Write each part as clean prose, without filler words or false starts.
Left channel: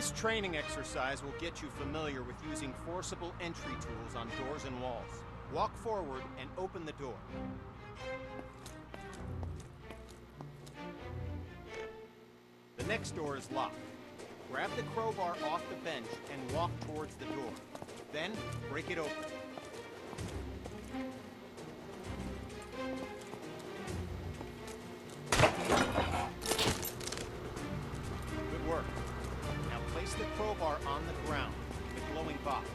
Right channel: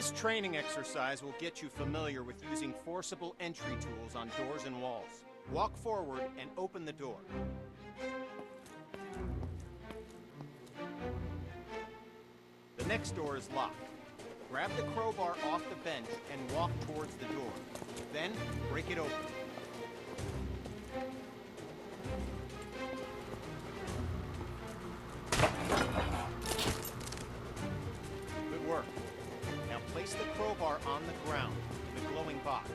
This training exercise will get you familiar with using forcible entry tools on doors and walls. Walk forward and open the door. The next door is locked. Grab the crowbar off the bench and walk towards the door. Then, break it open. Good work. Now place the crowbar on the ground in the glowing box.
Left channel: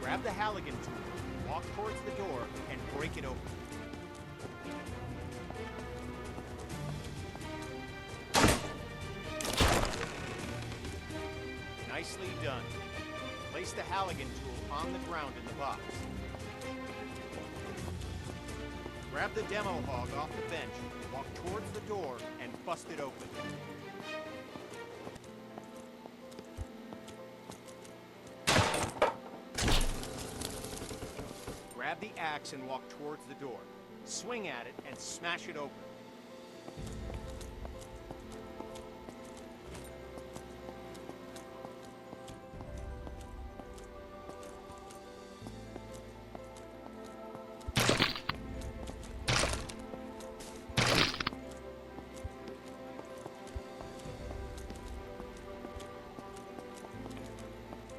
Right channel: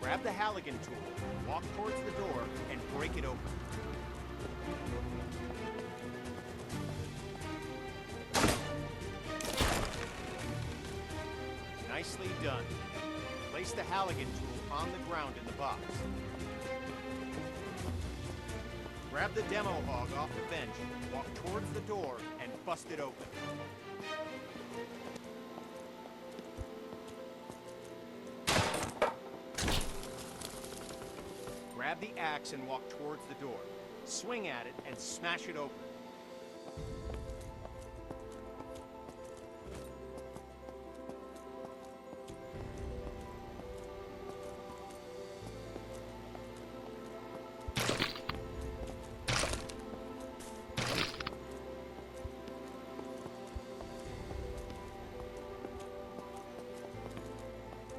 Grab the Halligan tool, walk towards the door, and break it open. Nicely done. Place the Halligan tool on the ground in the box. Grab the demo hog off the bench, walk towards the door, and bust it open. Grab the axe and walk towards the door. Swing at it and smash it open.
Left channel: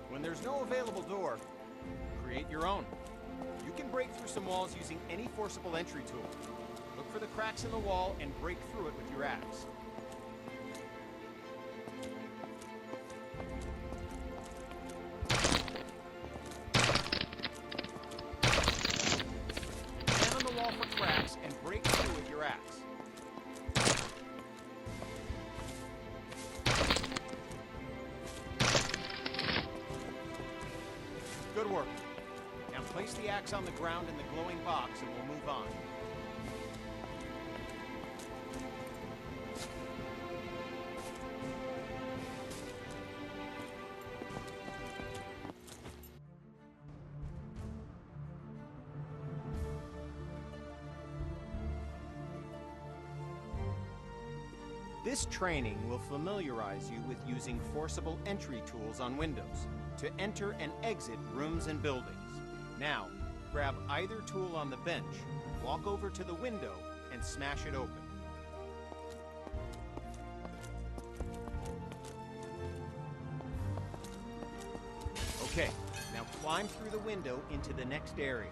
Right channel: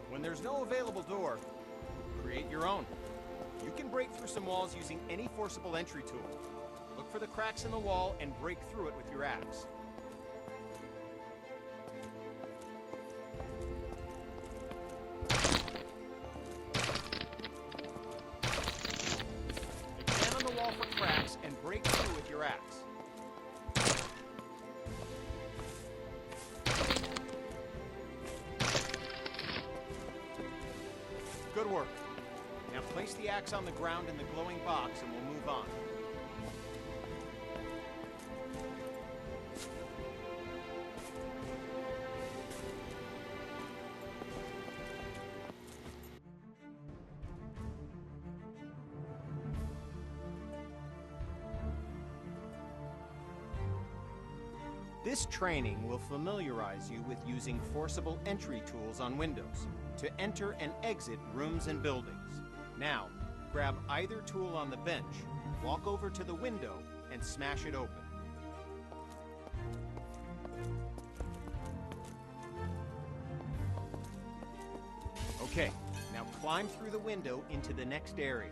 When there's no available door, create your own. You can break through some walls using any forcible entry tool. Look for the cracks in the wall and break through it with your axe. Stand on the wall for cracks and break through with your axe. Good work. Now place the axe on the ground in the glowing box and we'll move on. This training will familiarize you with using forcible entry tools on windows to enter and exit rooms and buildings. Now, grab either tool on the bench, walk over to the window, and smash it open. Okay, now climb through the window into the next area.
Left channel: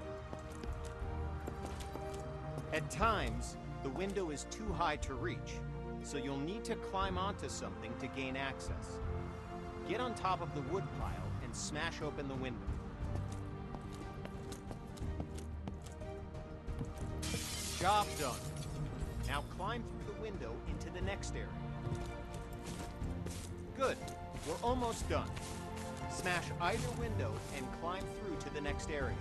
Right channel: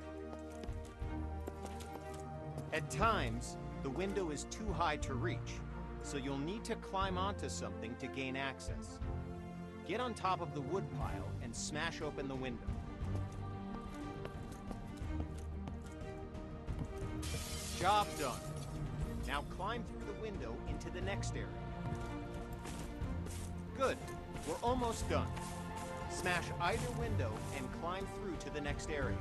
At times, the window is too high to reach, so you'll need to climb onto something to gain access. Get on top of the wood pile and smash open the window. Job done. Now climb through the window into the next area. Good. We're almost done. Smash either window and climb through to the next area.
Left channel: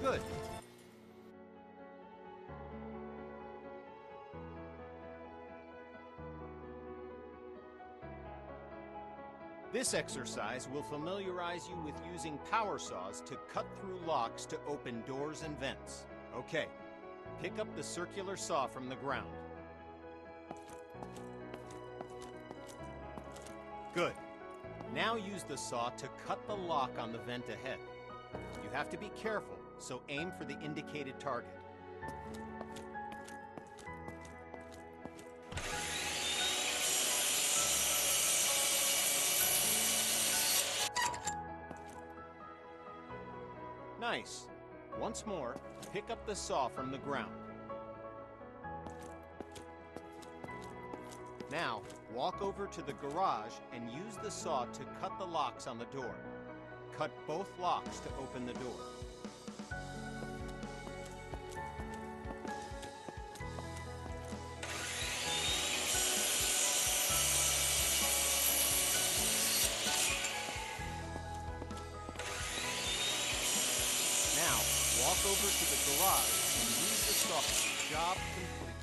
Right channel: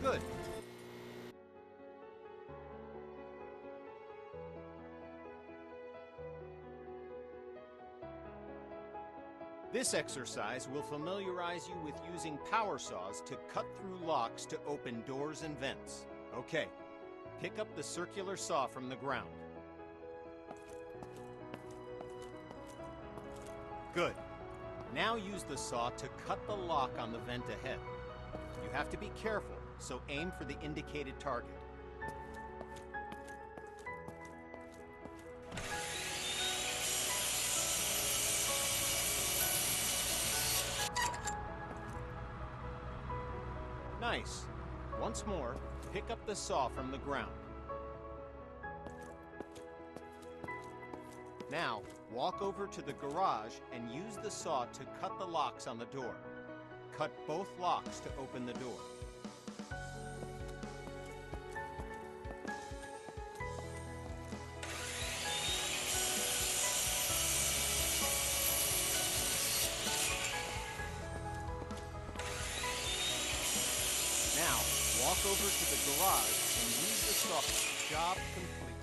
Good. This exercise will familiarize you with using power saws to cut through locks to open doors and vents. Okay, pick up the circular saw from the ground. Good. Now use the saw to cut the lock on the vent ahead. You have to be careful, so aim for the indicated target. Nice. Once more, pick up the saw from the ground. Now, walk over to the garage and use the saw to cut the locks on the door. Cut both locks to open the door. Now, walk over to the garage and use the saw. Job complete.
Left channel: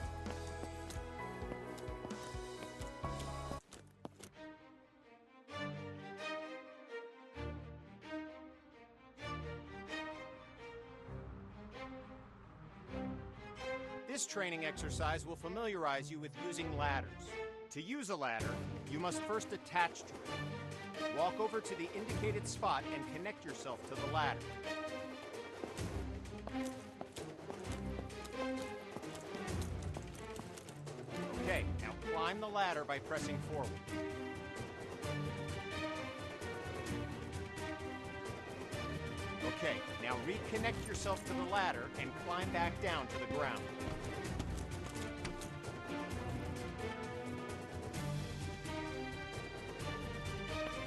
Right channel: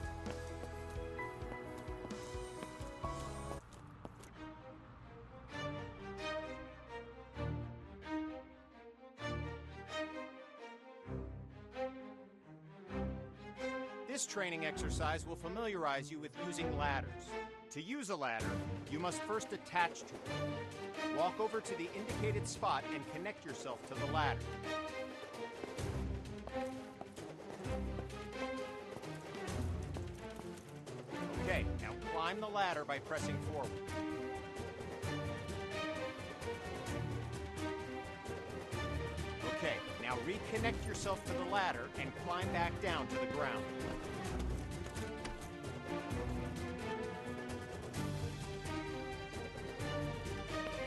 This training exercise will familiarize you with using ladders. To use a ladder, you must first attach to it. Walk over to the indicated spot and connect yourself to the ladder. Okay, now climb the ladder by pressing forward. Okay, now reconnect yourself to the ladder and climb back down to the ground.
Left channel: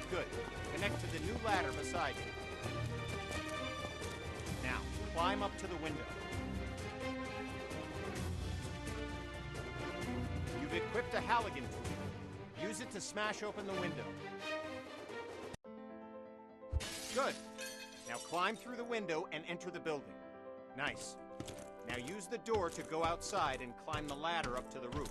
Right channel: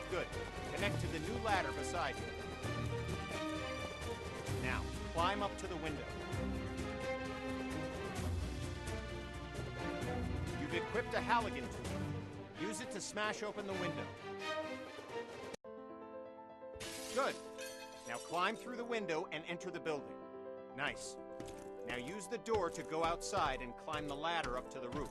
Good. Connect to the new ladder beside you. Now, climb up to the window. You've equipped a Halligan tool. Use it to smash open the window. Good. Now climb through the window and enter the building. Nice. Now use the door to go outside and climb the ladder up to the roof.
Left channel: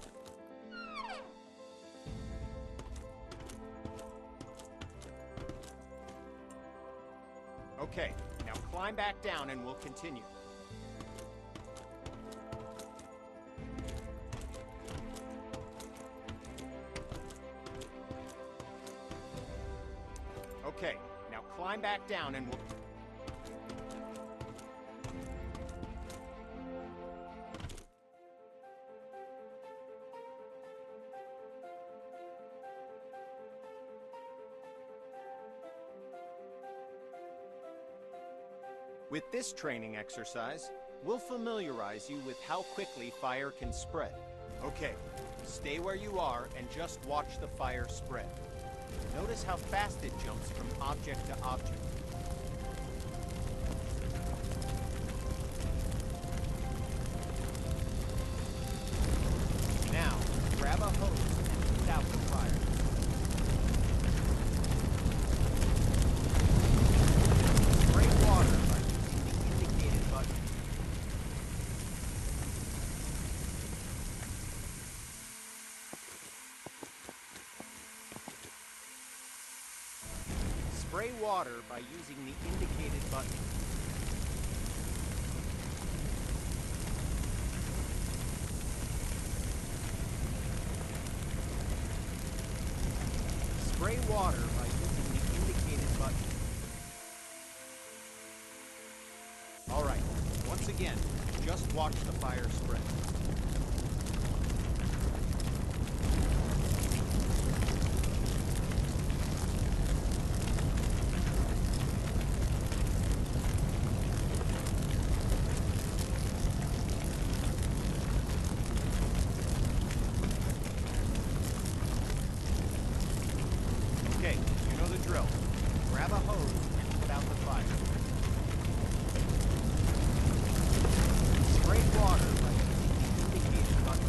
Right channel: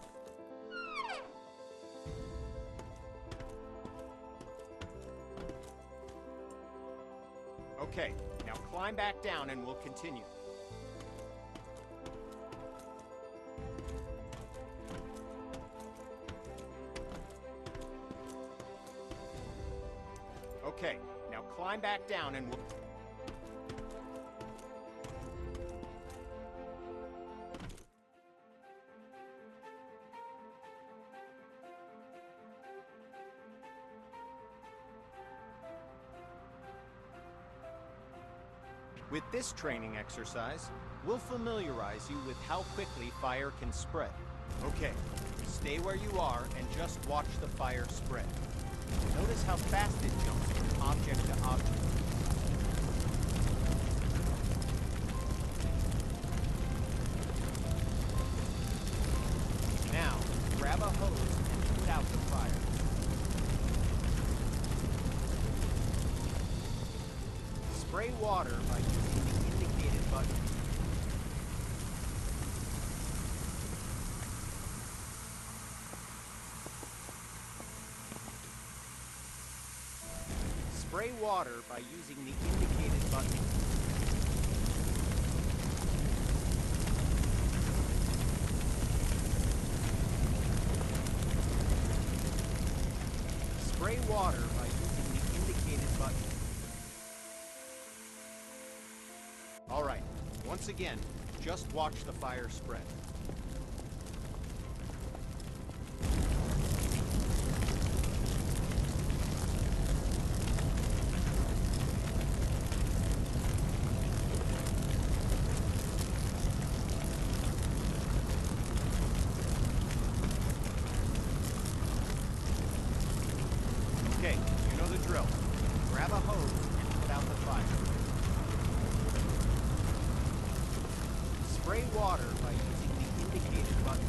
Okay, now climb back down and we'll continue. Okay, now climb back down and we'll... With this training exercise, we'll familiarize you with how quickly fire can spread. Okay, stay where you are and just watch the fire spread. Notice how fast it jumps from object to object. Now, grab a hose and put out the fire. Spray water by using the indicated button. Spray water by using the indicated button. Spray water by using the indicated button. All right, once again, just watch the fire spread. Okay, you know the drill. Grab a hose and put out the fire. Spray water by using the indicated button.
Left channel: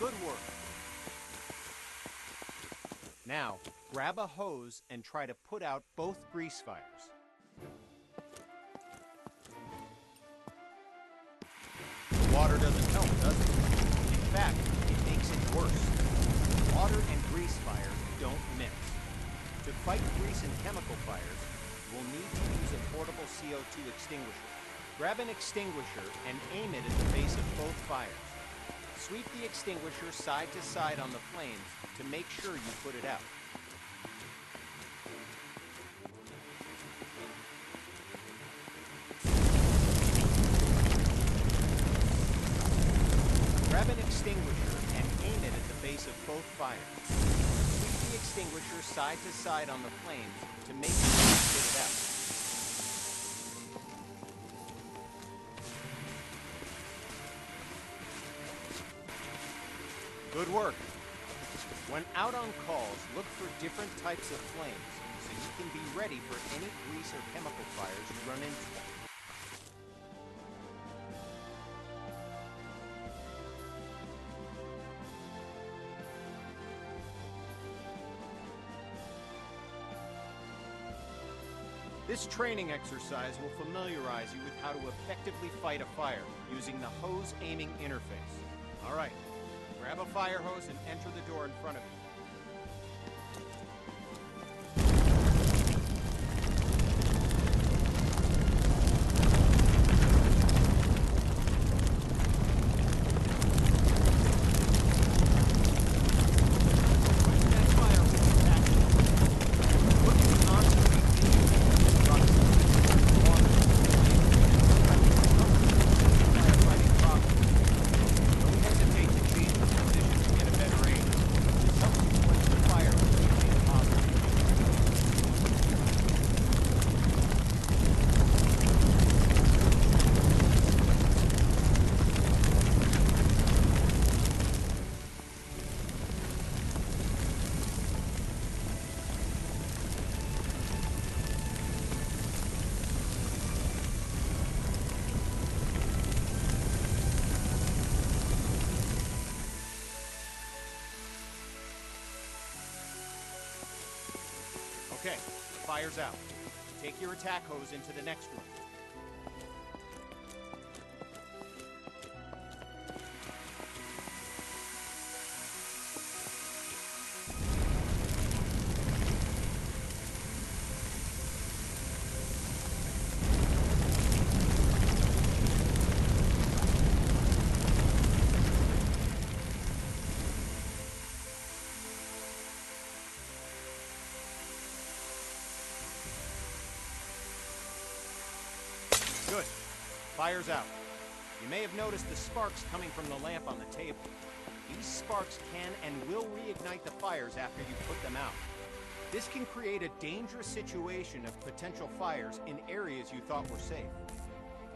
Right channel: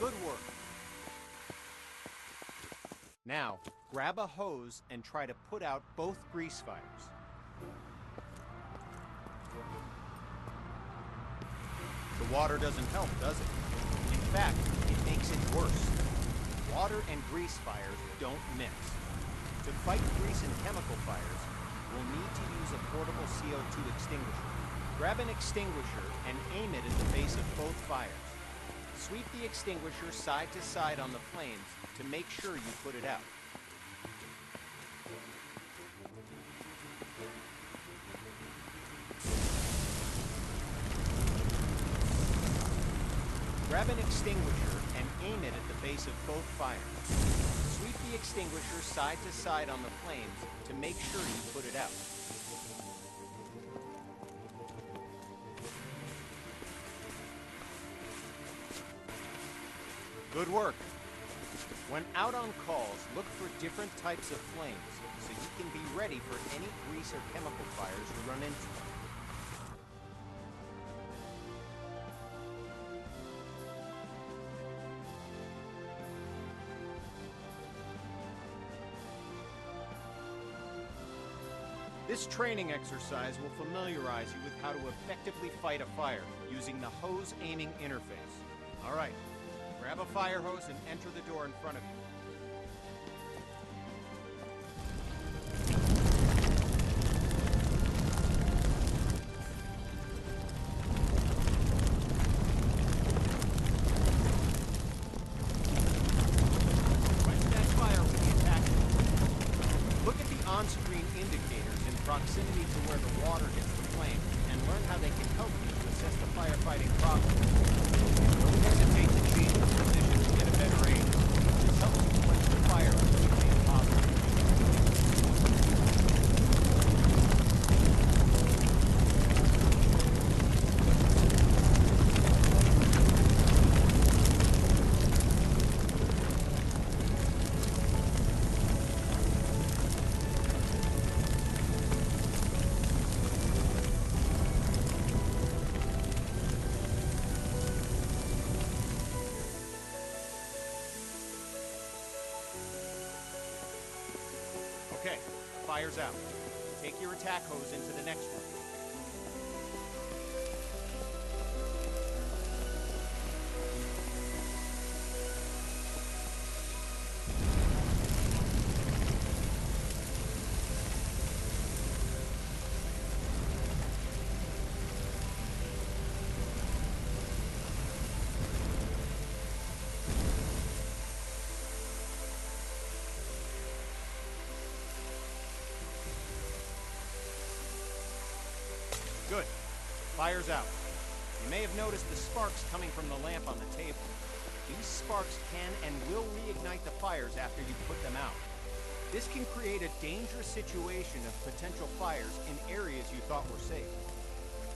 Good work. Now, grab a hose and try to put out both grease fires. The water doesn't help, does it? In fact, it makes it worse. Water and grease fires don't mix. To fight grease and chemical fires, we'll need to use a portable CO2 extinguisher. Grab an extinguisher and aim it at the base of both fires. Sweep the extinguisher side to side on the flames to make sure you put it out. Grab an extinguisher and aim it at the base of both fires. Sweep the extinguisher side to side on the flames to make sure you put it out. Good work. When out on calls, look for different types of flames so you can be ready for any grease or chemical fires you run into. This training exercise will familiarize you with how to effectively fight a fire using the hose aiming interface. All right, grab a fire hose and enter the door in front of you. Okay, fire's out. Take your attack hose into the next room. Good. Fire's out. You may have noticed the sparks coming from the lamp on the table. These sparks can and will reignite the fires after you put them out. This can create a dangerous situation of potential fires in areas you thought were safe.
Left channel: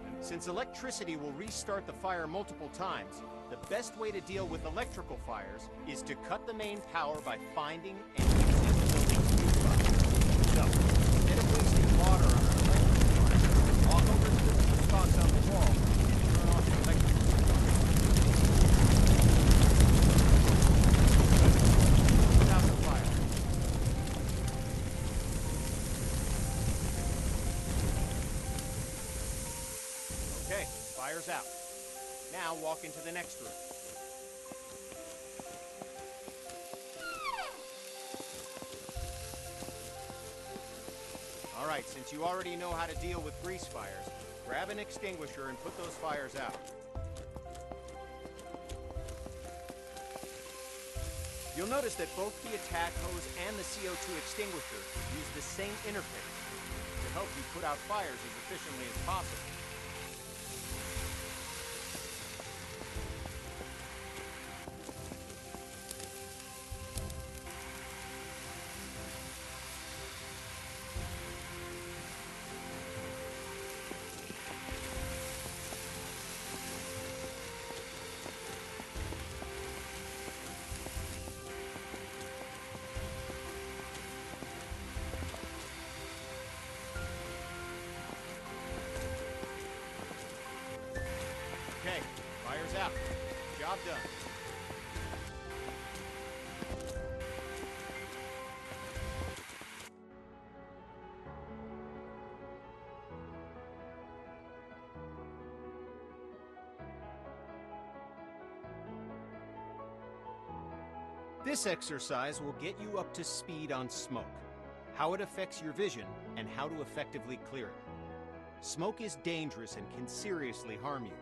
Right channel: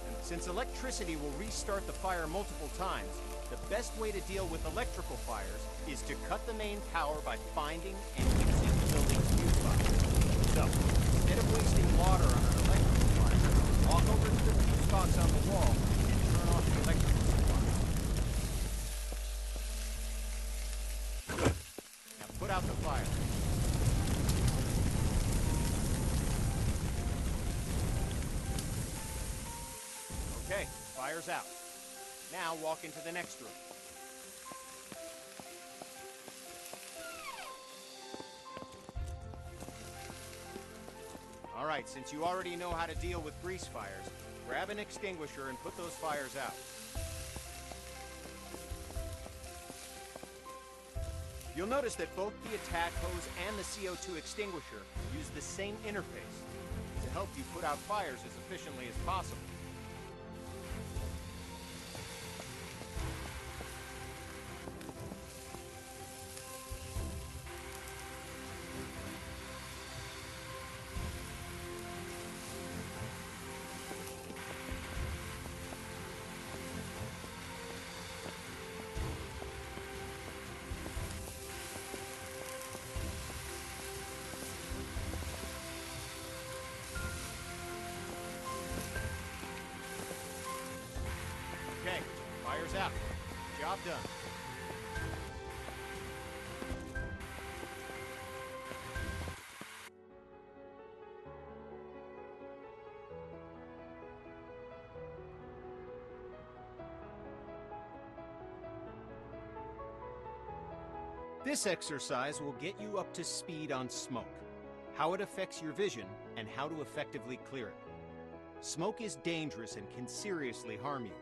And since electricity will restart the fire multiple times, the best way to deal with electrical fires is to cut the main power by finding and using the building's fuse box. So, instead of wasting water on an electrical fire, walk over to the fuse box on the wall and turn off the electrical supply. Good. Put out the fire. Okay, fire's out. Now walk into the next room. All right, since you already know how to deal with grease fires, grab an extinguisher and put those fires out. You'll notice that both the attack hose and the CO2 extinguisher use the same interface to help you put out fires as efficiently as possible. Okay, fire's out. Job done. This exercise will get you up to speed on smoke, how it affects your vision, and how to effectively clear it. Smoke is dangerous and can seriously harm you,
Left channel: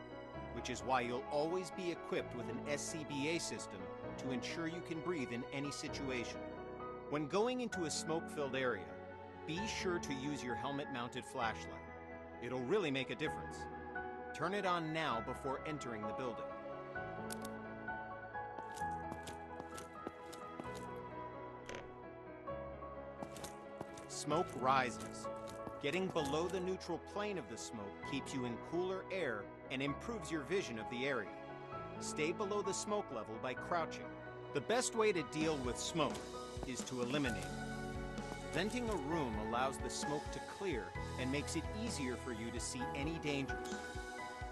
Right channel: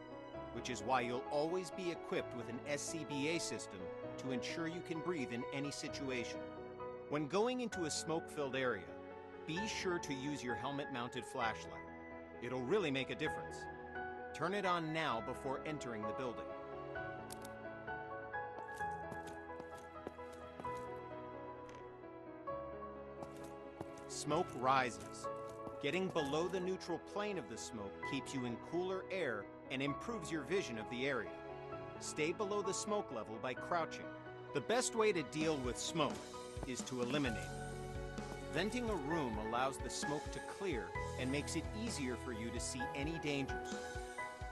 which is why you'll always be equipped with an SCBA system to ensure you can breathe in any situation. When going into a smoke-filled area, be sure to use your helmet-mounted flashlight. It'll really make a difference. Turn it on now before entering the building. Smoke rises. Getting below the neutral plane of the smoke keeps you in cooler air and improves your vision of the area. Stay below the smoke level by crouching. The best way to deal with smoke is to eliminate it. Venting a room allows the smoke to clear and makes it easier for you to see any dangers.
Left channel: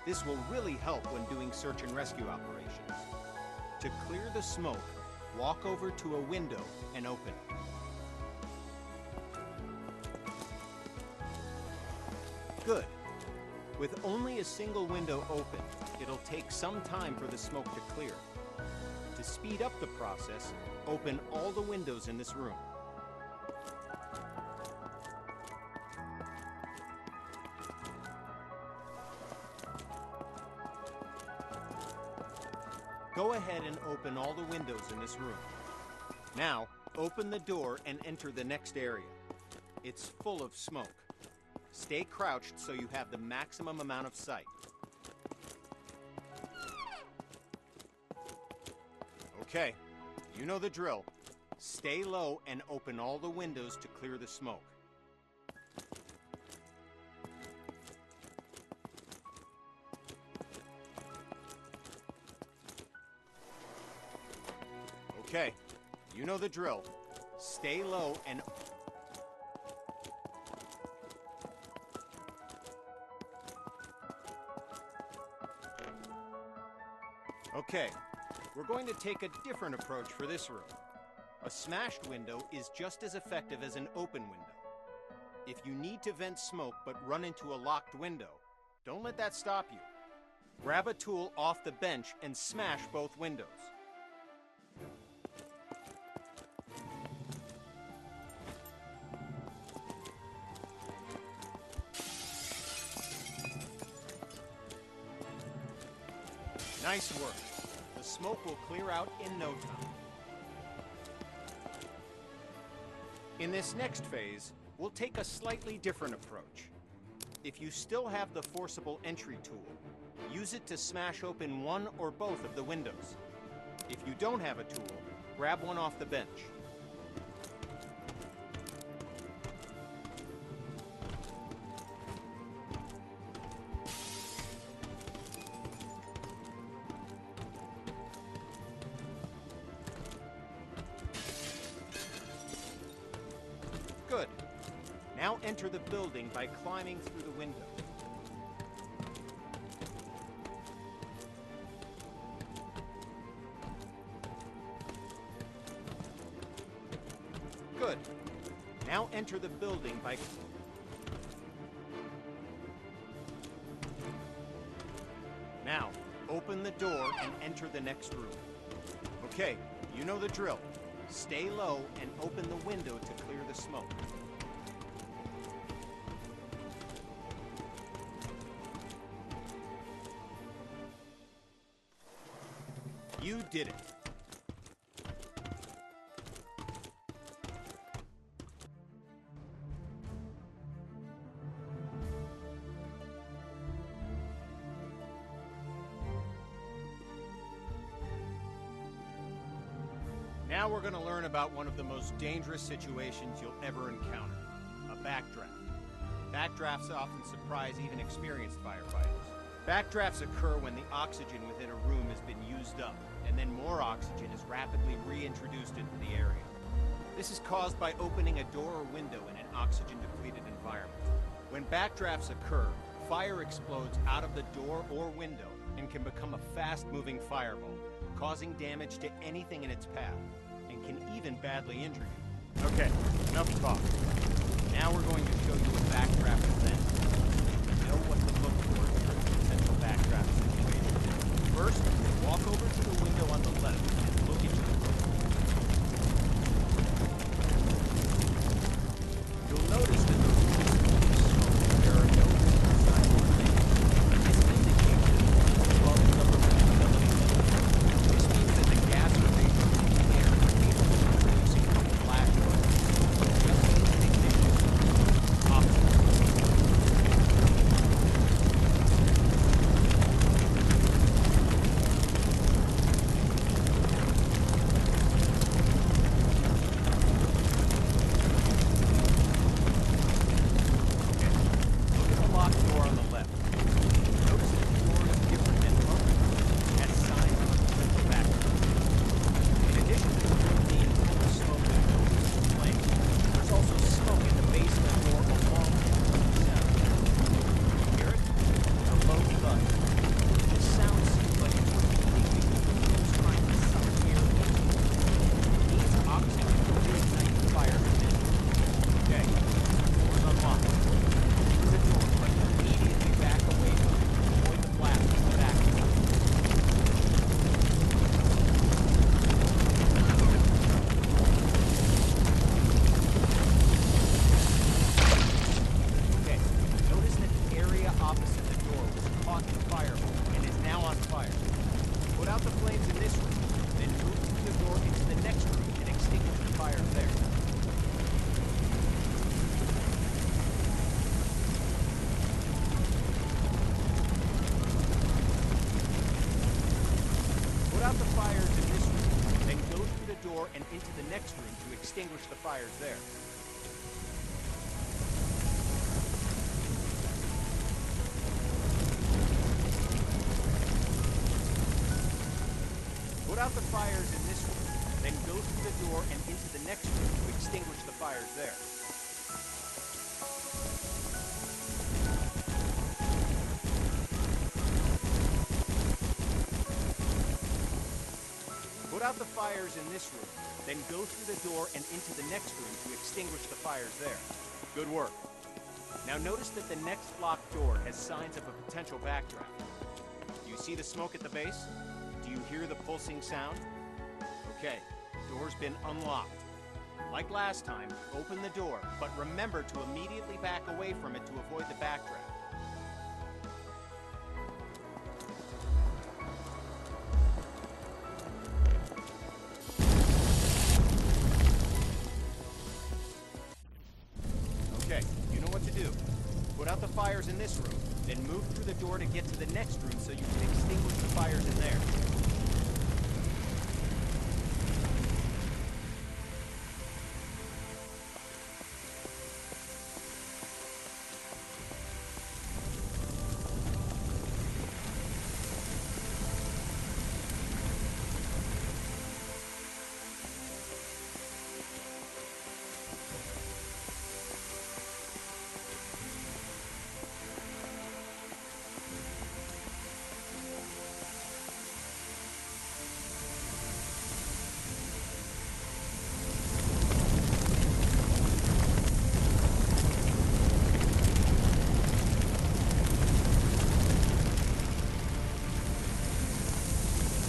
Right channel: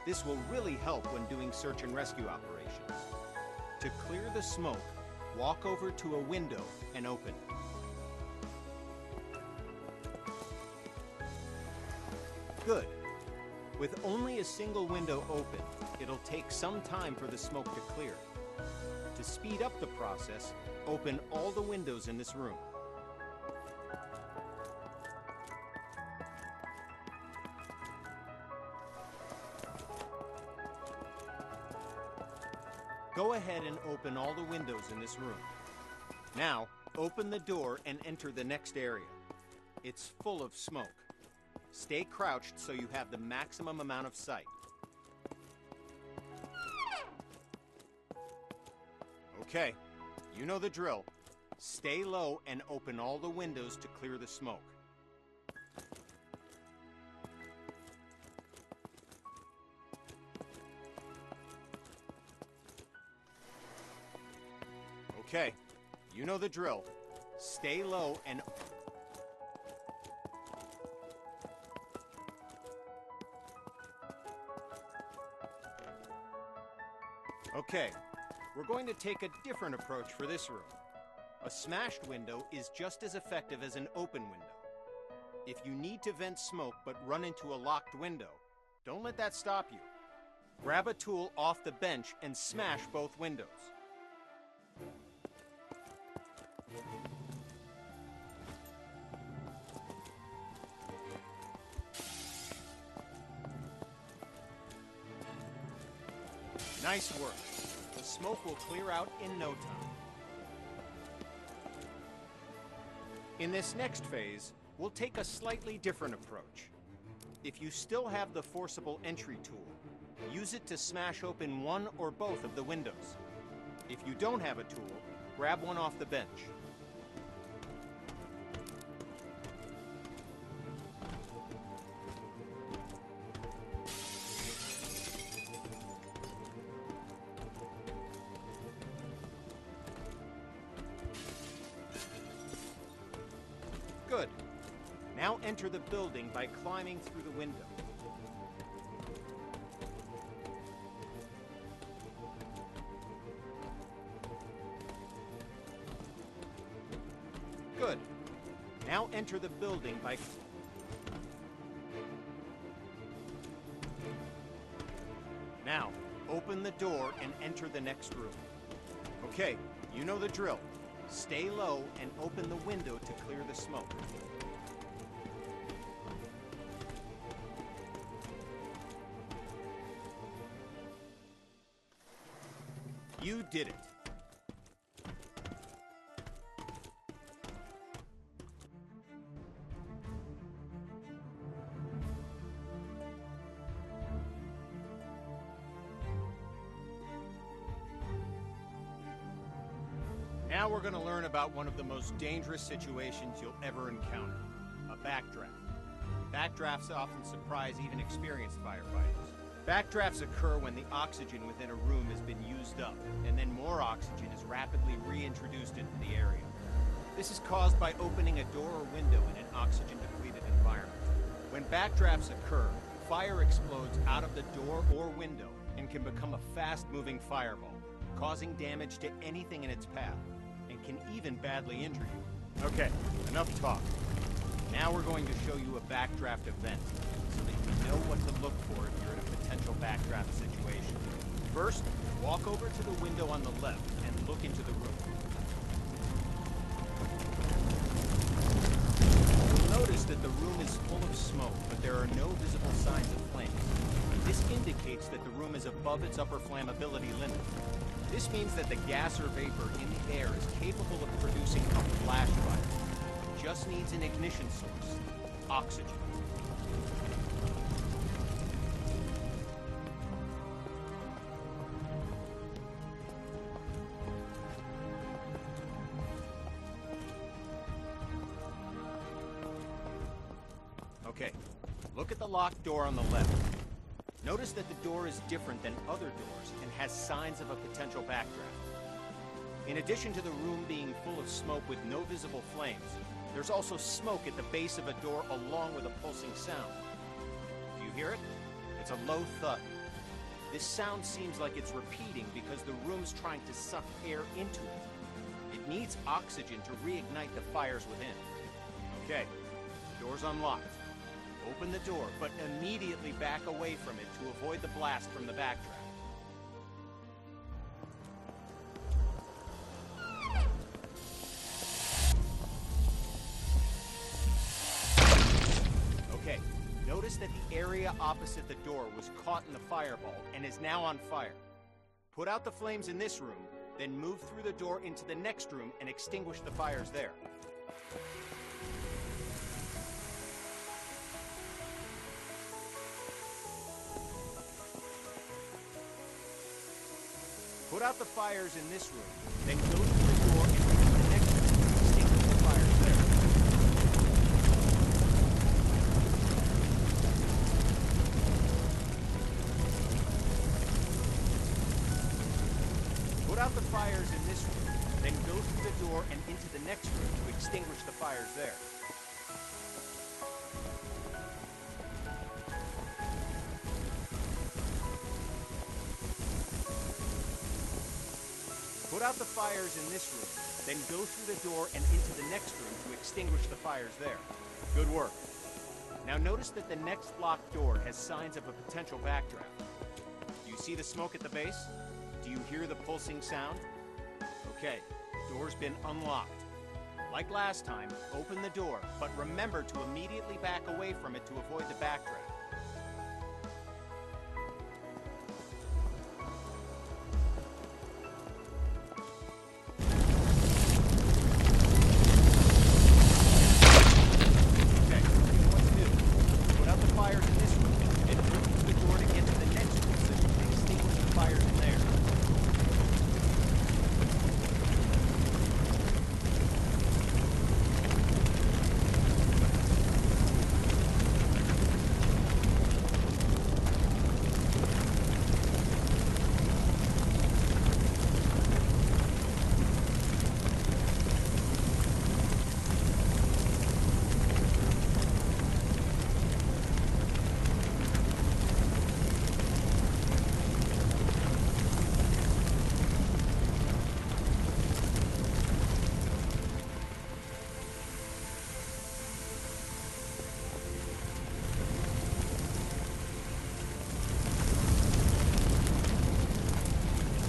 This will really help when doing search and rescue operations. To clear the smoke, walk over to a window and open it. Good. With only a single window open, it'll take some time for the smoke to clear. To speed up the process, open all the windows in this room. Go ahead and open all the windows in this room. Now, open the door and enter the next area. It's full of smoke. Stay crouched so you have the maximum amount of sight. Okay, you know the drill. Stay low and open all the windows to clear the smoke. Okay, you know the drill. Stay low and... Okay, we're going to take a different approach for this room. A smashed window is just as effective as an open window. If you need to vent smoke but run into a locked window, don't let that stop you. Grab a tool off the bench and smash both windows. Nice work. The smoke will clear out in no time. In this next phase, we'll take a slightly different approach. If you still have the forcible entry tool, use it to smash open one or both of the windows. If you don't have a tool, grab one off the bench. Good. Now enter the building by climbing through the window. Good. Now enter the building by... Now, open the door and enter the next room. Okay, you know the drill. Stay low and open the window to clear the smoke. You did it. Now we're going to learn about one of the most dangerous situations you'll ever encounter, a backdraft. Backdrafts often surprise even experienced firefighters. Backdrafts occur when the oxygen within a room has been used up, and then more oxygen is rapidly reintroduced into the area. This is caused by opening a door or window in an oxygen-depleted environment. When backdrafts occur, fire explodes out of the door or window and can become a fast-moving fireball, causing damage to anything in its path, and can even badly injure you. Okay, enough talk. Now we're going to show you a backdraft event, so that you know what to look for if you're in a potential backdraft situation. First, walk over to the window on the left and look into the room. You'll notice that the room is full of smoke, but there are no visible signs of flames. This indicates that the room is above its upper flammability limit. This means that the gas or vapor in the air is capable of producing a flash fire. It just needs an ignition source. Oxygen. Okay, look at the locked door on the left. Notice that the door is different than other doors. It has signs of a potential backdraft. In addition to the room being full of smoke with no visible flame, there's also smoke at the base of the door along with a pulsing sound. You hear it? It's a low thud. This sound seems like it's repeating because the room's trying to suck air into it. It needs oxygen to reignite the fires within. Okay, door's unlocked. Open the door, but immediately back away from it to avoid the blast from the vacuum. Okay, notice that the area opposite the door was caught in the fireball and is now on fire. Put out the flames in this room, then move through the door into the next room and extinguish the fires there. Put out the fires in this room, then go through the door and into the next room to extinguish the fires there. Put out the fires in this room, then go through the door and into the next room to extinguish the fires there. Put out the fires in this room, then go through the door and into the next room to extinguish the fires there. Good work. Now notice that the next locked door has signs of a potential backdraft. Do you see the smoke at the base? Do you hear the pulsing sound? Okay, door's been unlocked. Like last time, open the door, but remember to immediately back away from it to avoid the backdraft. Okay, you know what to do. Put out the fires in this room, and move through the door to get to the next room so you can extinguish the fires in there.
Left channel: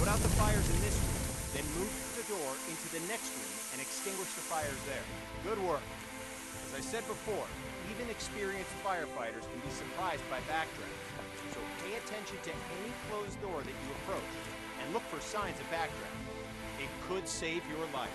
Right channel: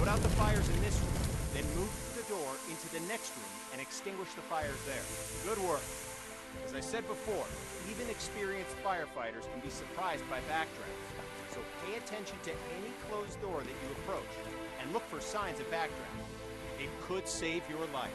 Put out the fires in this room, then move through the door into the next room and extinguish the fires there. Good work. As I said before, even experienced firefighters can be surprised by backdrafts. So pay attention to any closed door that you approach and look for signs of backdraft. It could save your life.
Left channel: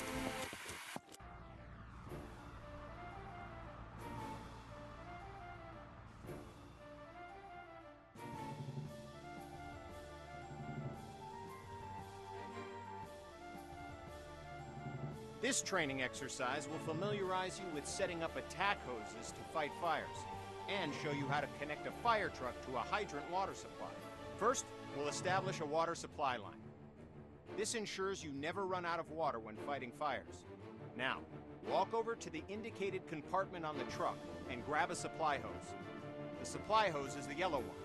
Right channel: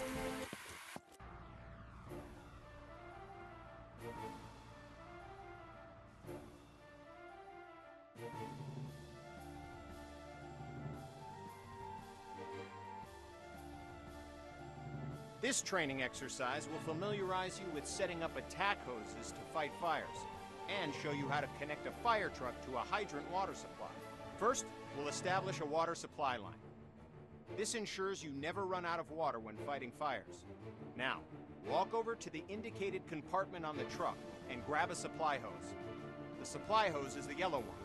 This training exercise will familiarize you with setting up attack hoses to fight fires, and show you how to connect a fire truck to a hydrant water supply. First, we'll establish a water supply line. This ensures you never run out of water when fighting fires. Now, walk over to the indicated compartment on the truck and grab a supply hose. The supply hose is the yellow one.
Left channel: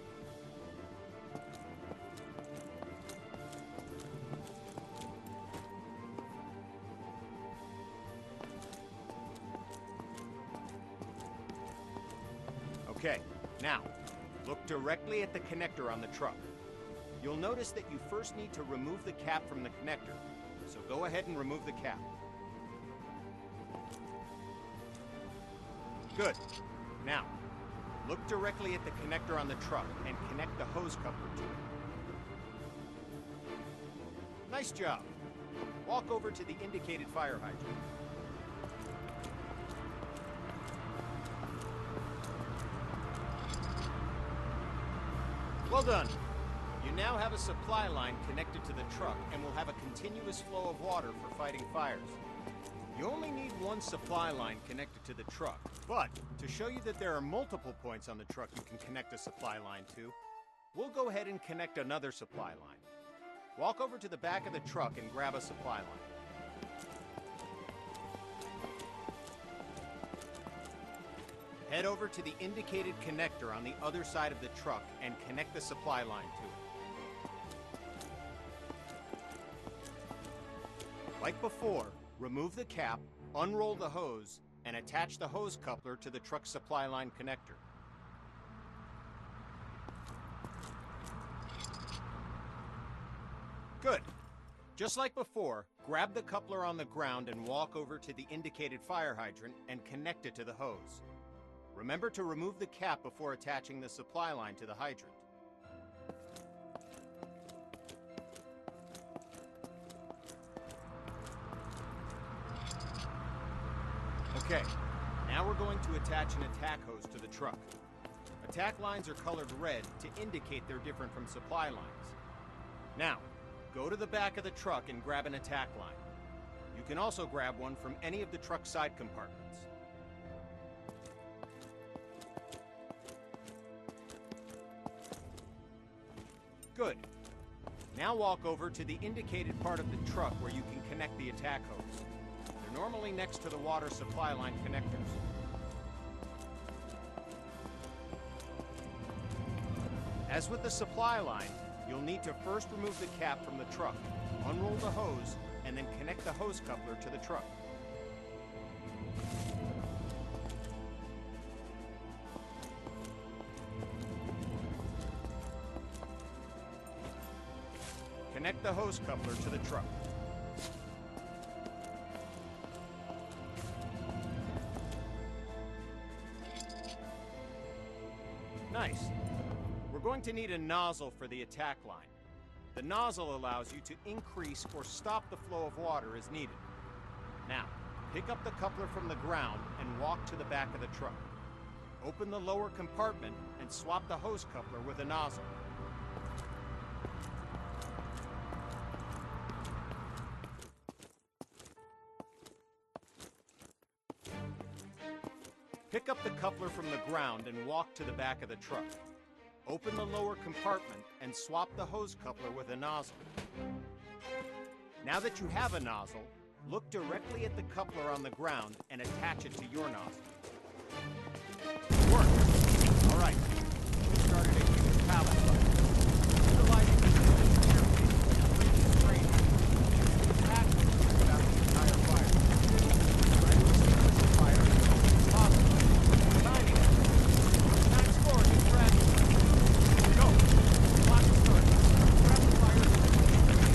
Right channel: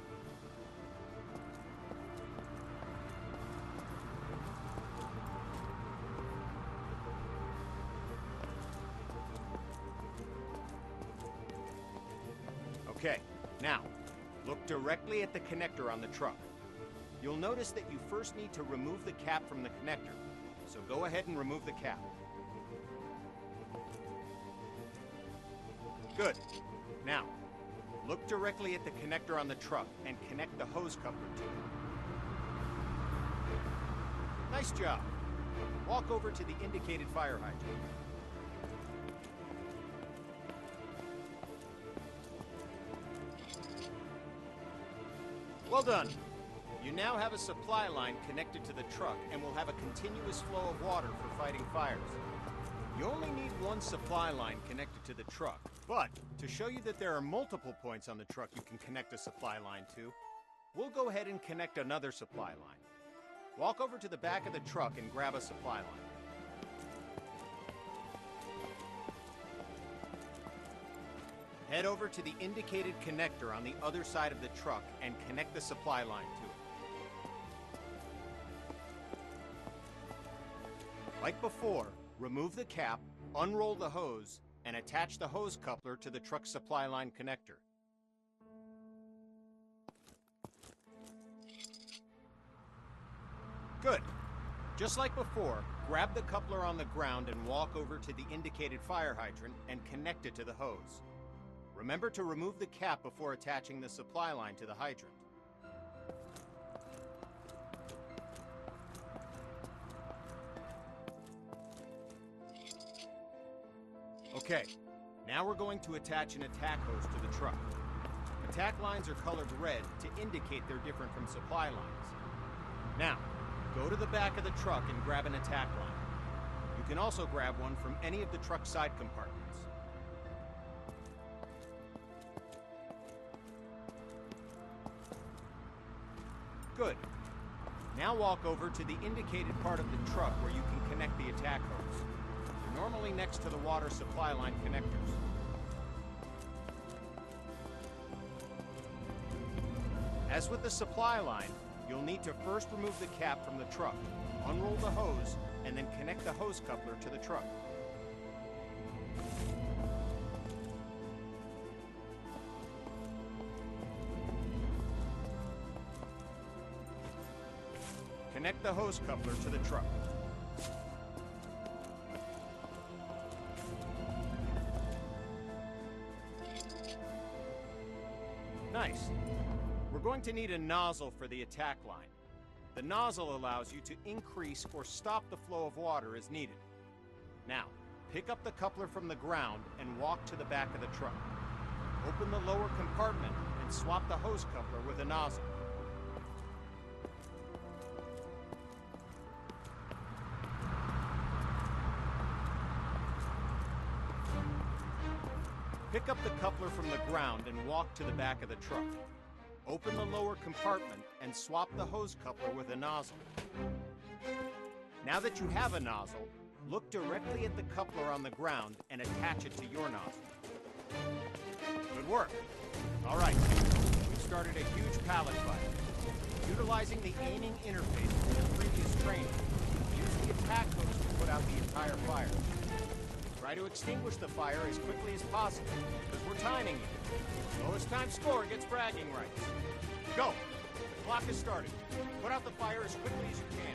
Okay, now, look directly at the connector on the truck. You'll notice that you first need to remove the cap from the connector, so go ahead and remove the cap. Good. Now, look directly at the connector on the truck and connect the hose coupler to it. Nice job. Walk over to the indicated fire hydrant. Well done. You now have a supply line connected to the truck and will have a continuous flow of water for fighting fires. You only need one supply line connected to the truck, but to show you that there are multiple points on the truck you can connect a supply line to, we'll go ahead and connect another supply line. Walk over to the back of the truck and grab a supply line. Head over to the indicated connector on the other side of the truck and connect the supply line to it. Like before, remove the cap, unroll the hose, and attach the hose coupler to the truck's supply line connector. Good. Just like before, grab the coupler on the ground and walk over to the indicated fire hydrant and connect it to the hose. Remember to remove the cap before attaching the supply line to the hydrant. Okay, now we're going to attach an attack hose to the truck. Attack lines are colored red to indicate they're different from supply lines. Now, go to the back of the truck and grab an attack line. You can also grab one from any of the truck's side compartments. Good. Now walk over to the indicated part of the truck where you can connect the attack hose. They're normally next to the water supply line connectors. As with the supply line, you'll need to first remove the cap from the truck, unroll the hose, and then connect the hose coupler to the truck. Connect the hose coupler to the truck. Nice. We're going to need a nozzle for the attack line. The nozzle allows you to increase or stop the flow of water as needed. Now, pick up the coupler from the ground and walk to the back of the truck. Open the lower compartment and swap the hose coupler with a nozzle. Pick up the coupler from the ground and walk to the back of the truck. Open the lower compartment and swap the hose coupler with a nozzle. Now that you have a nozzle, look directly at the coupler on the ground and attach it to your nozzle. Work! All right, we started a huge pallet fire. Utilizing the aiming interface and previous training, use the attack hose to put out the entire fire. Try to extinguish the fire as quickly as possible. We're timing it. Lowest time score gets bragging rights. Go! The clock is started. Put out the fire as quickly as you can.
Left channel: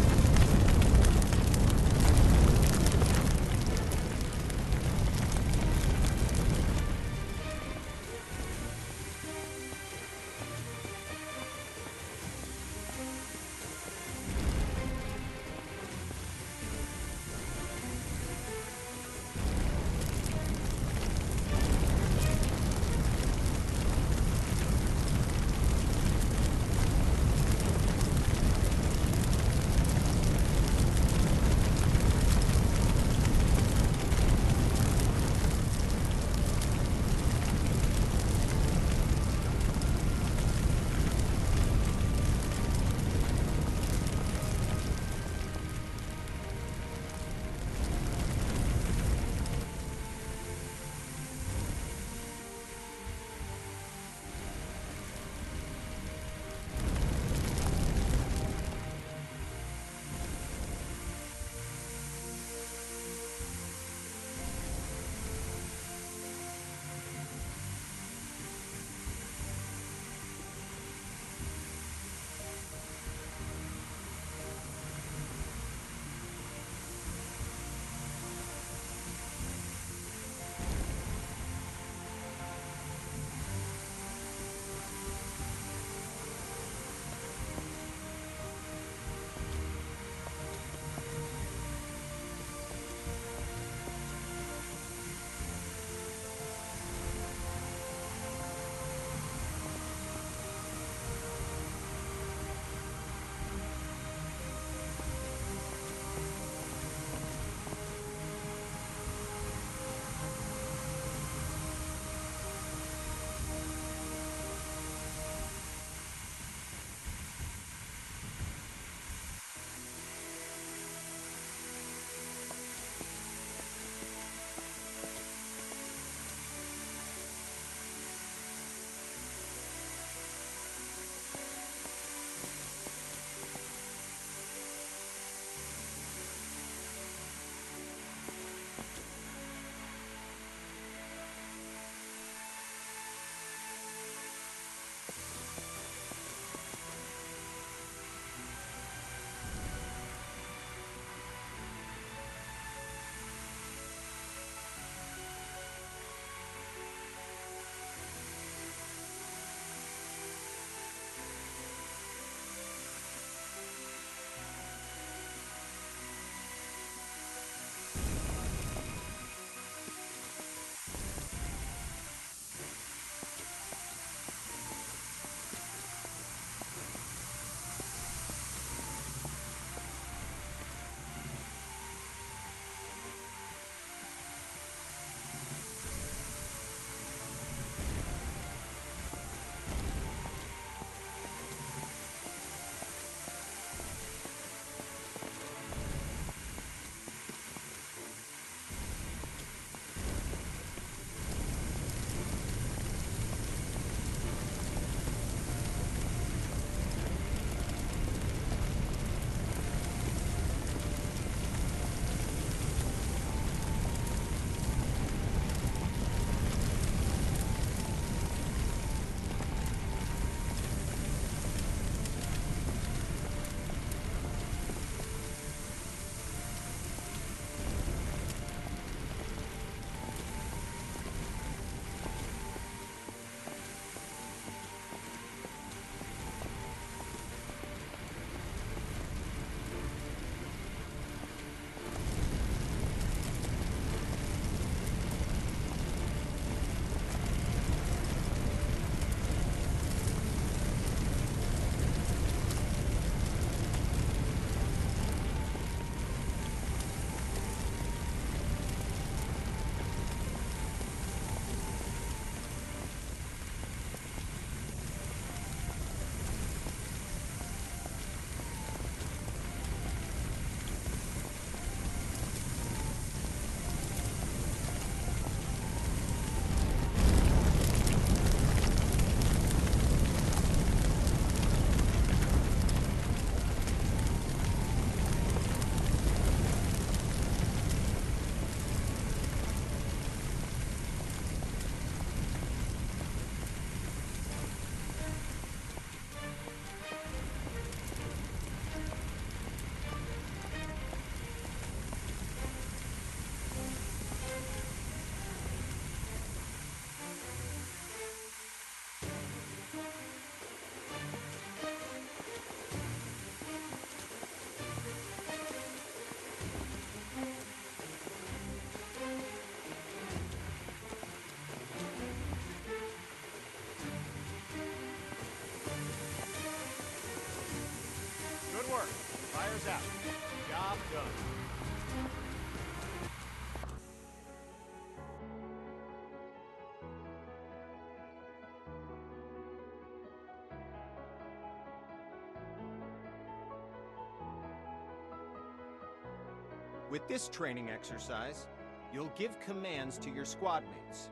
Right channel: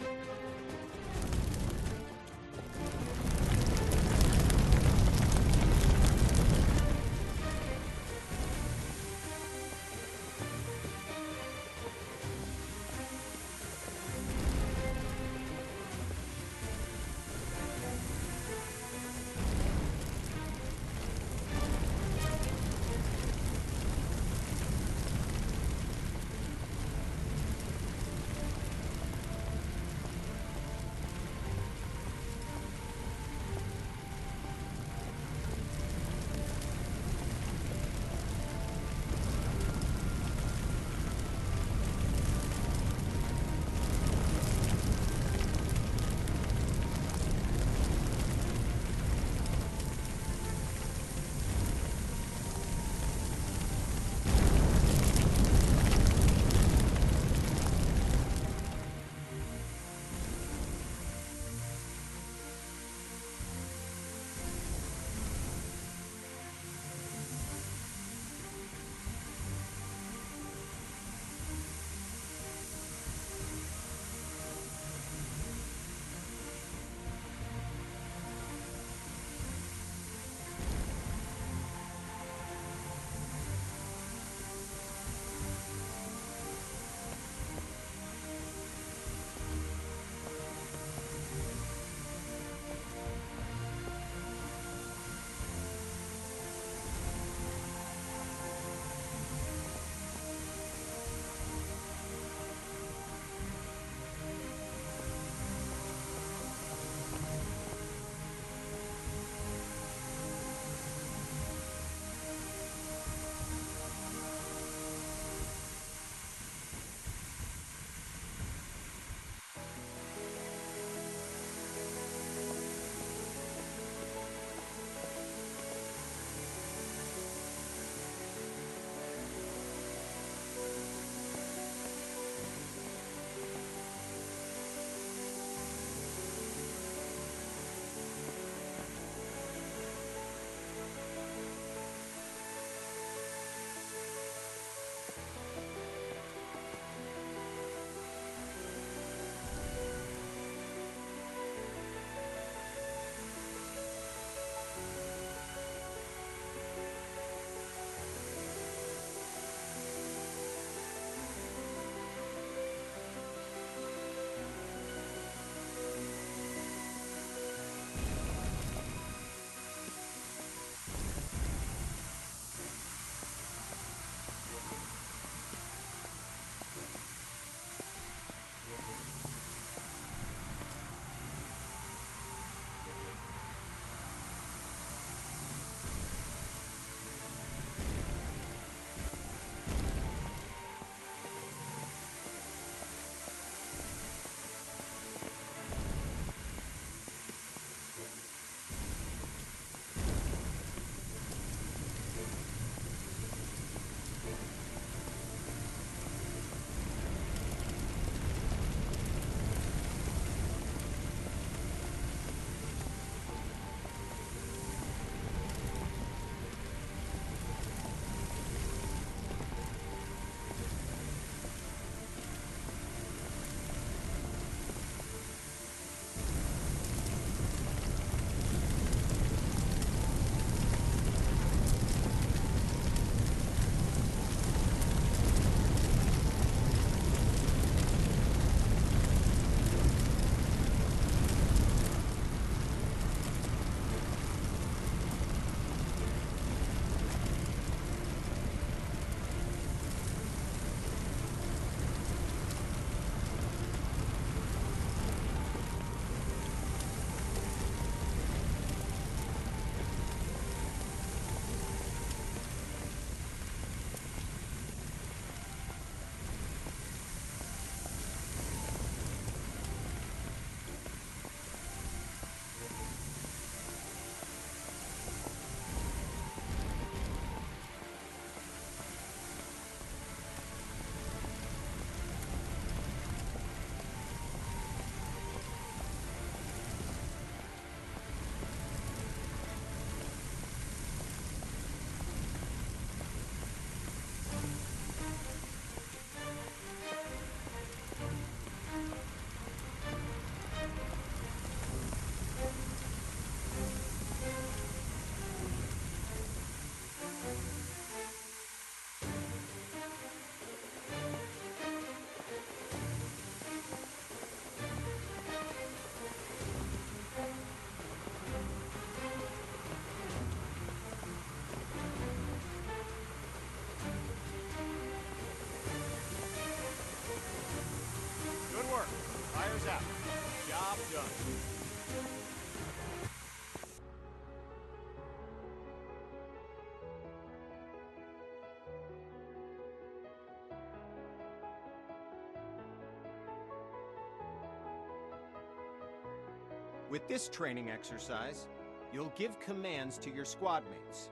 With this training exercise, you'll give commands to your squad mates.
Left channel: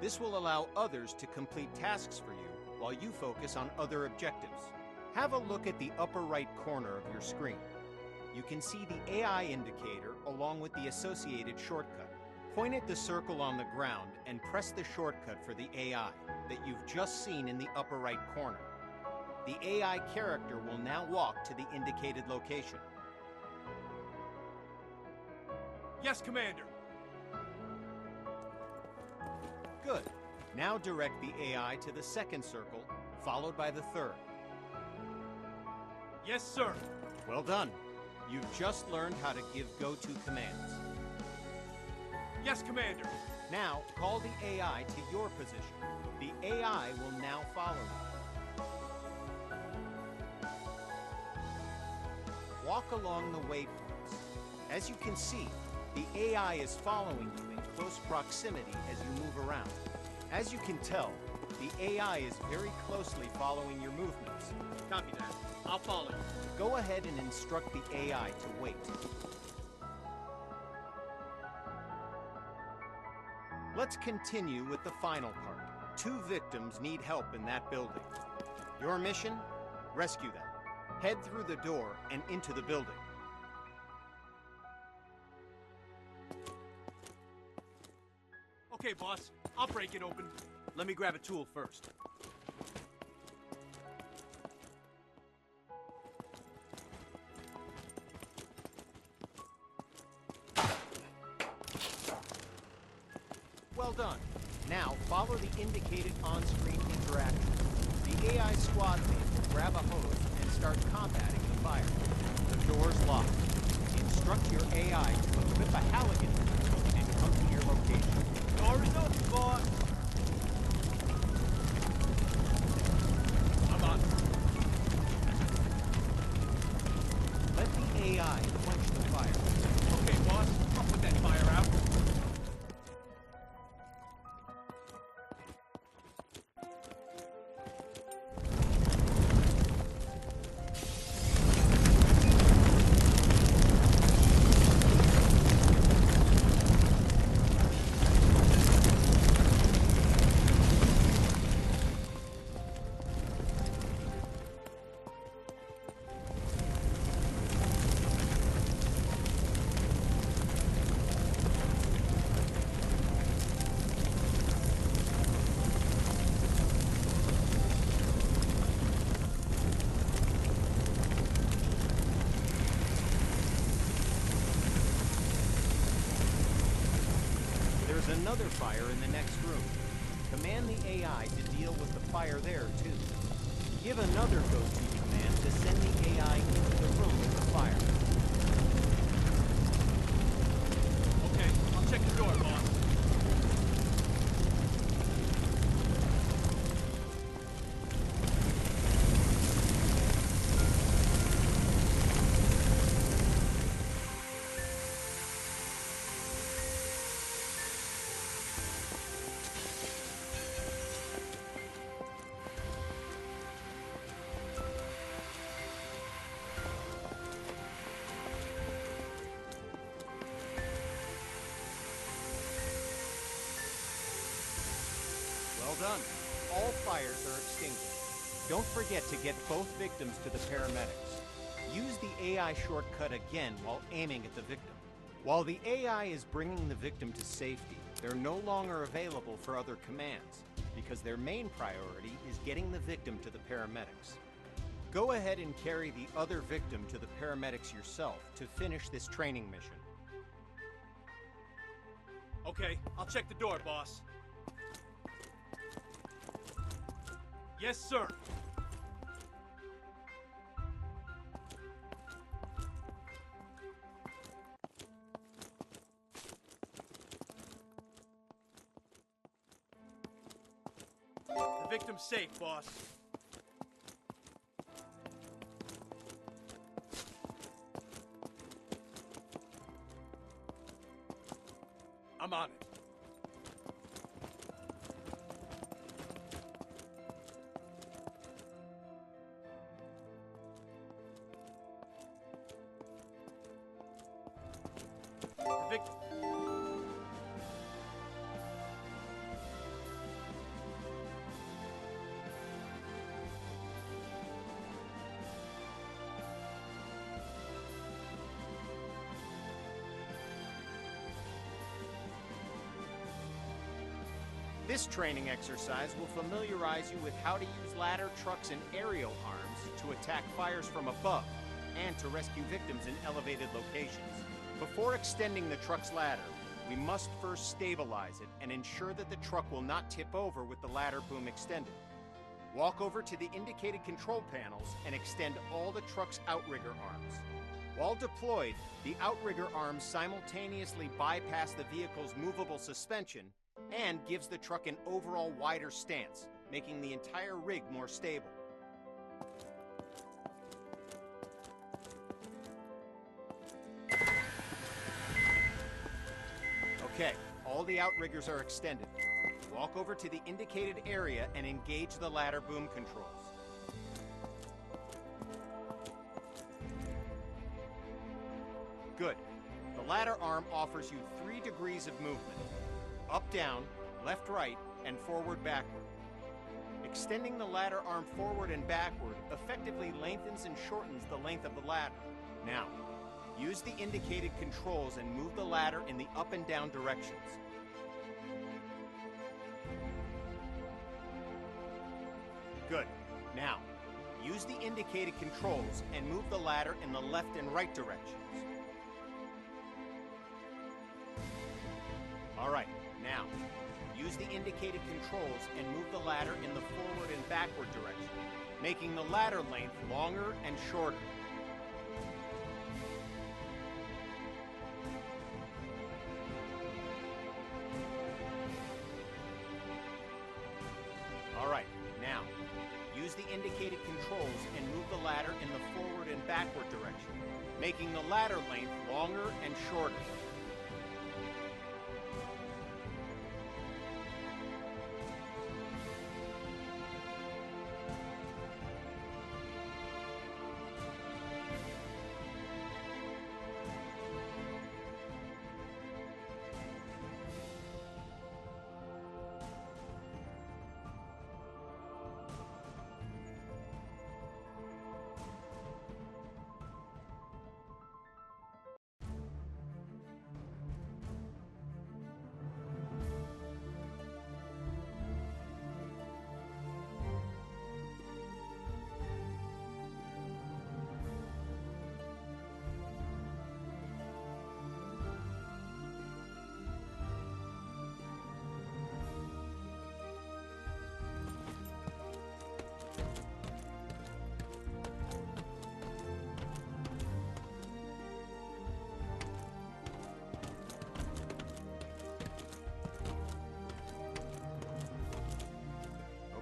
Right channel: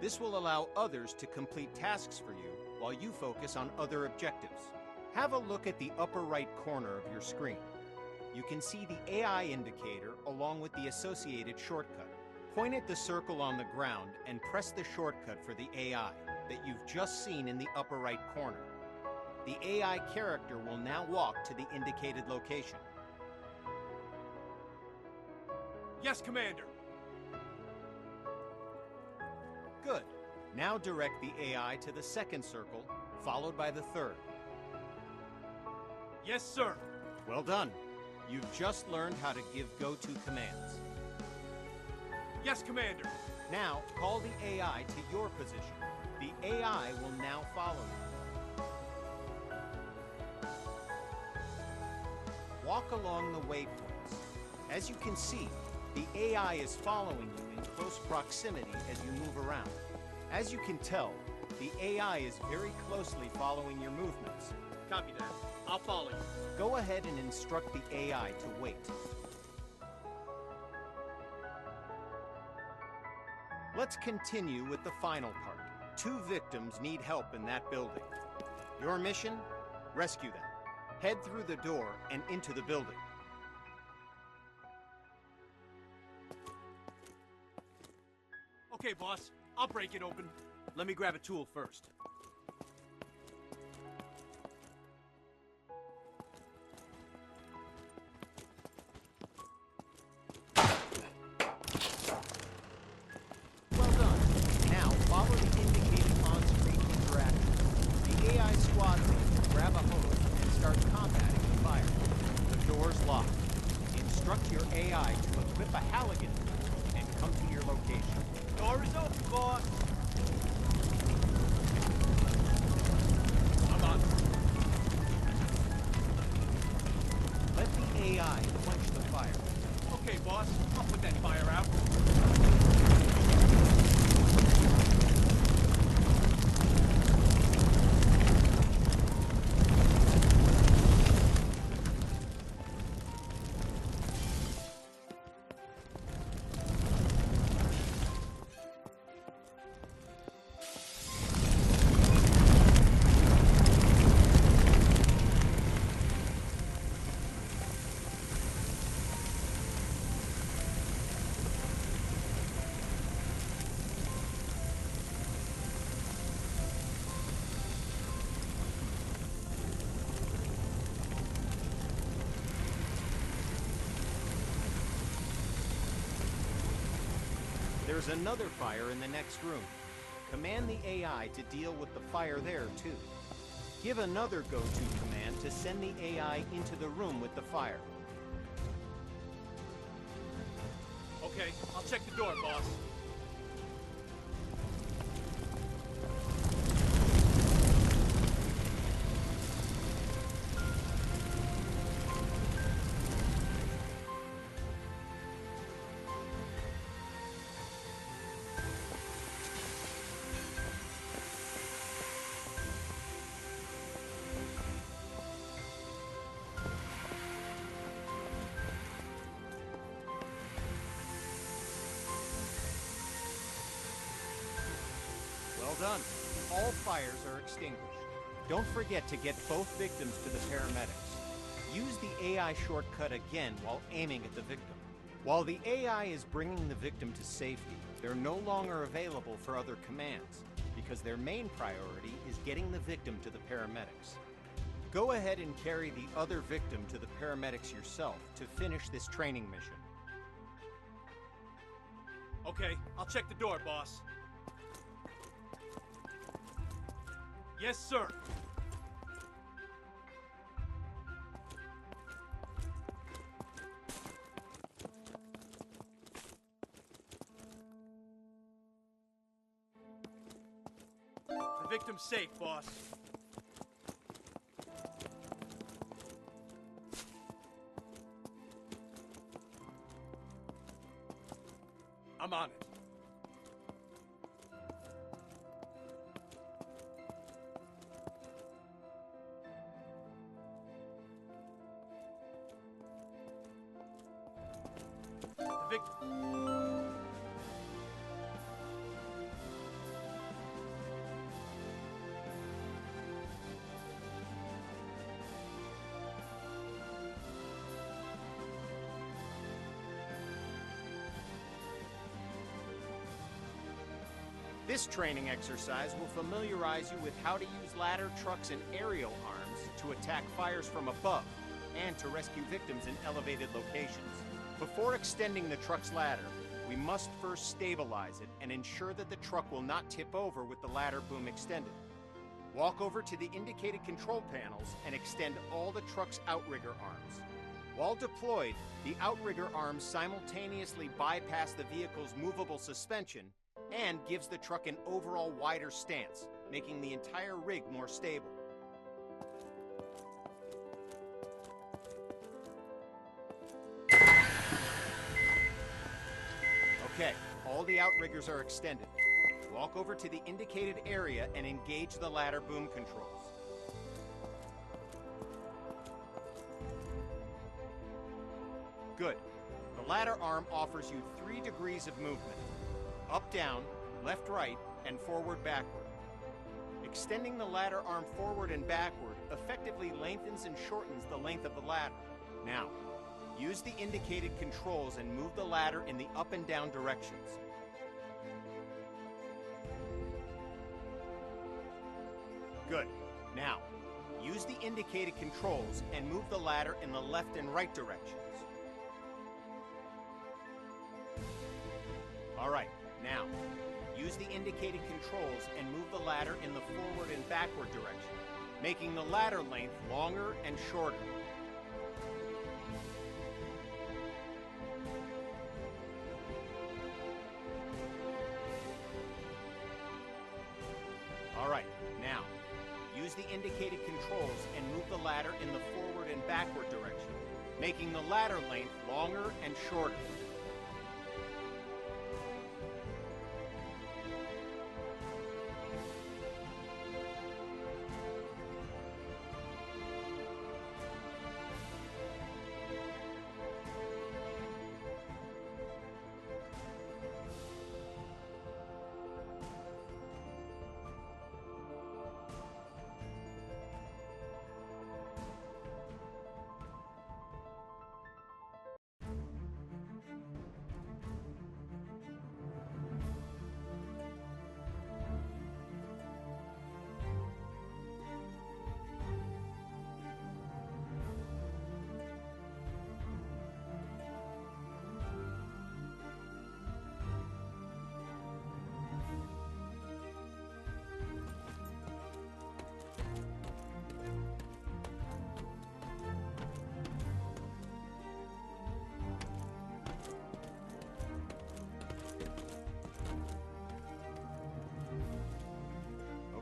This will allow others to complete tasks for you while you focus on other objectives. Have a look at the upper right corner of your screen. You can see the AI indicator along with the associated shortcut. Point at the circle on the ground and press the shortcut for the AI that you've just seen in the upper right corner. The AI character will now walk to the indicated location. Yes, Commander. Good. Now direct the AI to the second circle, followed by the third. Yes, sir. Well done. You've just learned how to give go-to commands. Yes, Commander. Now, call the AI to your position. The AI will now follow you. Walk along the waypoints. As you can see, the AI is following you in close proximity as you move around. As you can tell, the AI is very closely following your movements. Copy that. I'll follow you. Go ahead and instruct the AI to wait. Let's continue with the final part. 2 victims need help in that building. Your mission? Rescue them. Head through the door and into the building. Okay, boss. I'll break it open. Let me grab a tool first. Well done. Now, follow the indicated on-screen interactions. The AI squad mate will grab a hose and start combating the fire. The door's locked. Instruct your AI to equip a Halligan tool and come to your location. Door is open, boss. I'm on. Let the AI quench the fire. Okay, boss. I'll put that fire out. There's another fire in the next room. Command the AI to deal with the fire there, too. Give another go-to command to send the AI into the room with the fire. Okay, I'll check the door, boss. Well done. All fires are extinguished. Don't forget to get both victims to the paramedics. Use the AI shortcut again while aiming at the victim. While the AI is bringing the victim to safety, they're no longer available for other commands because their main priority is getting the victim to the paramedics. Go ahead and carry the other victim to the paramedics yourself to finish this training mission. Okay, I'll check the door, boss. Yes, sir. The victim's safe, boss. I'm on it. This training exercise will familiarize you with how to use ladder trucks and aerial arms to attack fires from above and to rescue victims in elevated locations. Before extending the truck's ladder, we must first stabilize it and ensure that the truck will not tip over with the ladder boom extended. Walk over to the indicated control panels and extend all the truck's outrigger arms. While deployed, the outrigger arms simultaneously bypass the vehicle's movable suspension and gives the truck an overall wider stance, making the entire rig more stable. Okay, all the outriggers are extended. Walk over to the indicated area and engage the ladder boom controls. Good. The ladder arm offers you 3 degrees of movement: up, down, left, right, and forward, backward. Extending the ladder arm forward and backward effectively lengthens and shortens the length of the ladder. Now, use the indicated controls and move the ladder in the up and down directions. Good. Now, use the indicated controls and move the ladder in the left and right directions. All right, now, use the indicated controls and move the ladder in the forward and backward direction, making the ladder length longer and shorter. All right, now, use the indicated controls and move the ladder in the forward and backward direction, making the ladder length longer and shorter.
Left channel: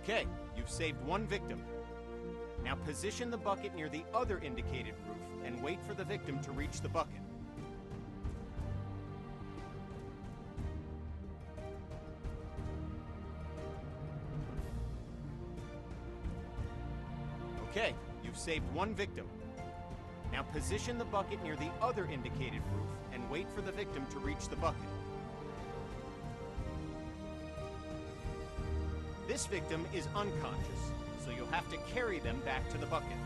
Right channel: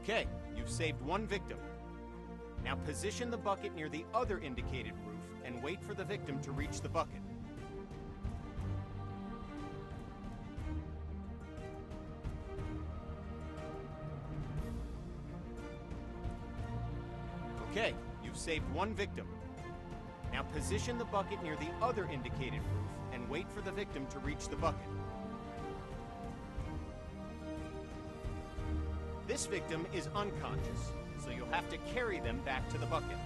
Okay, you've saved 1 victim. Now position the bucket near the other indicated roof and wait for the victim to reach the bucket. Okay, you've saved 1 victim. Now position the bucket near the other indicated roof and wait for the victim to reach the bucket. This victim is unconscious, so you'll have to carry them back to the bucket.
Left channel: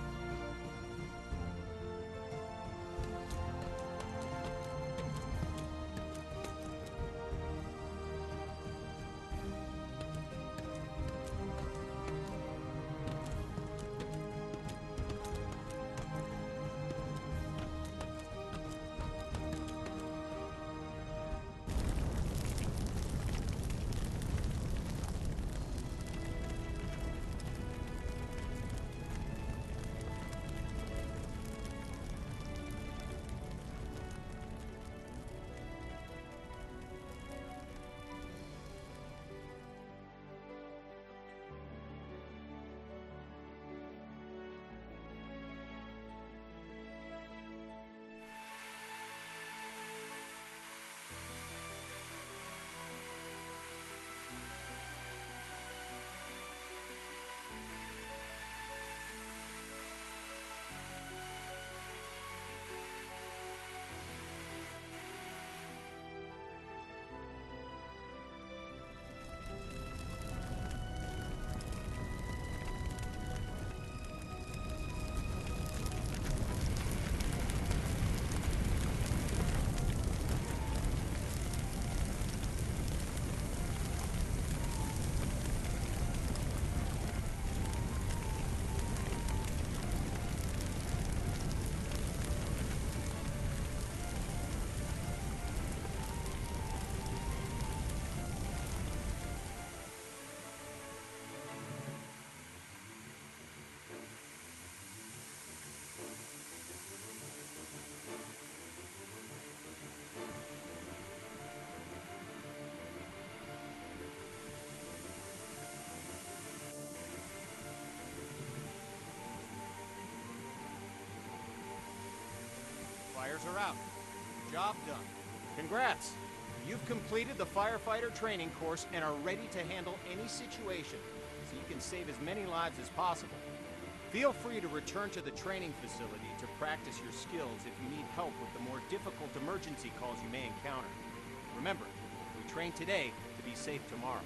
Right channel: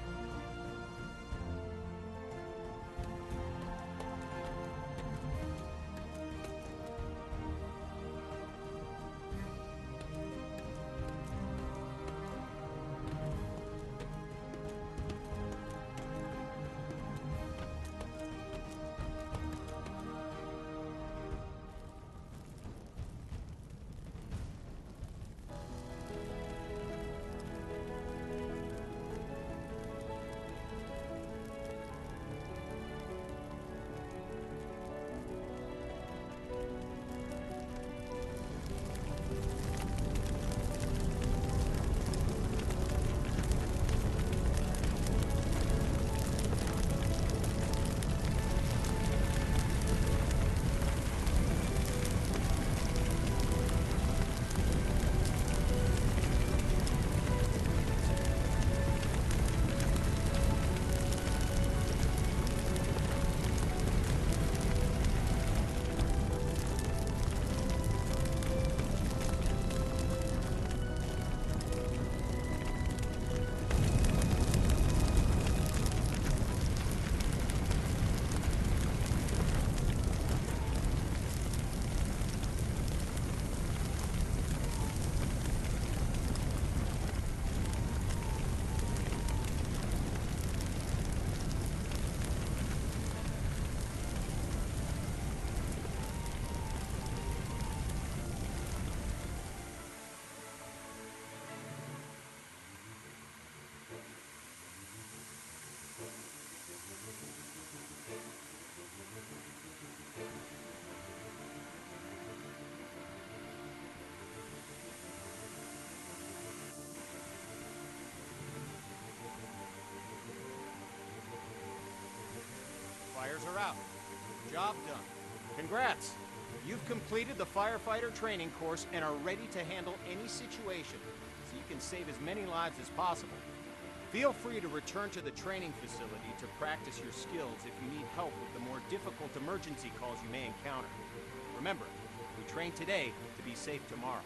fires are out. Job done. Congrats! You've completed the firefighter training course and are ready to handle any situation, so you can save as many lives as possible. Feel free to return to the training facility to practice your skills if you need help with the more difficult emergency calls you may encounter. Remember, we train today to be safe tomorrow.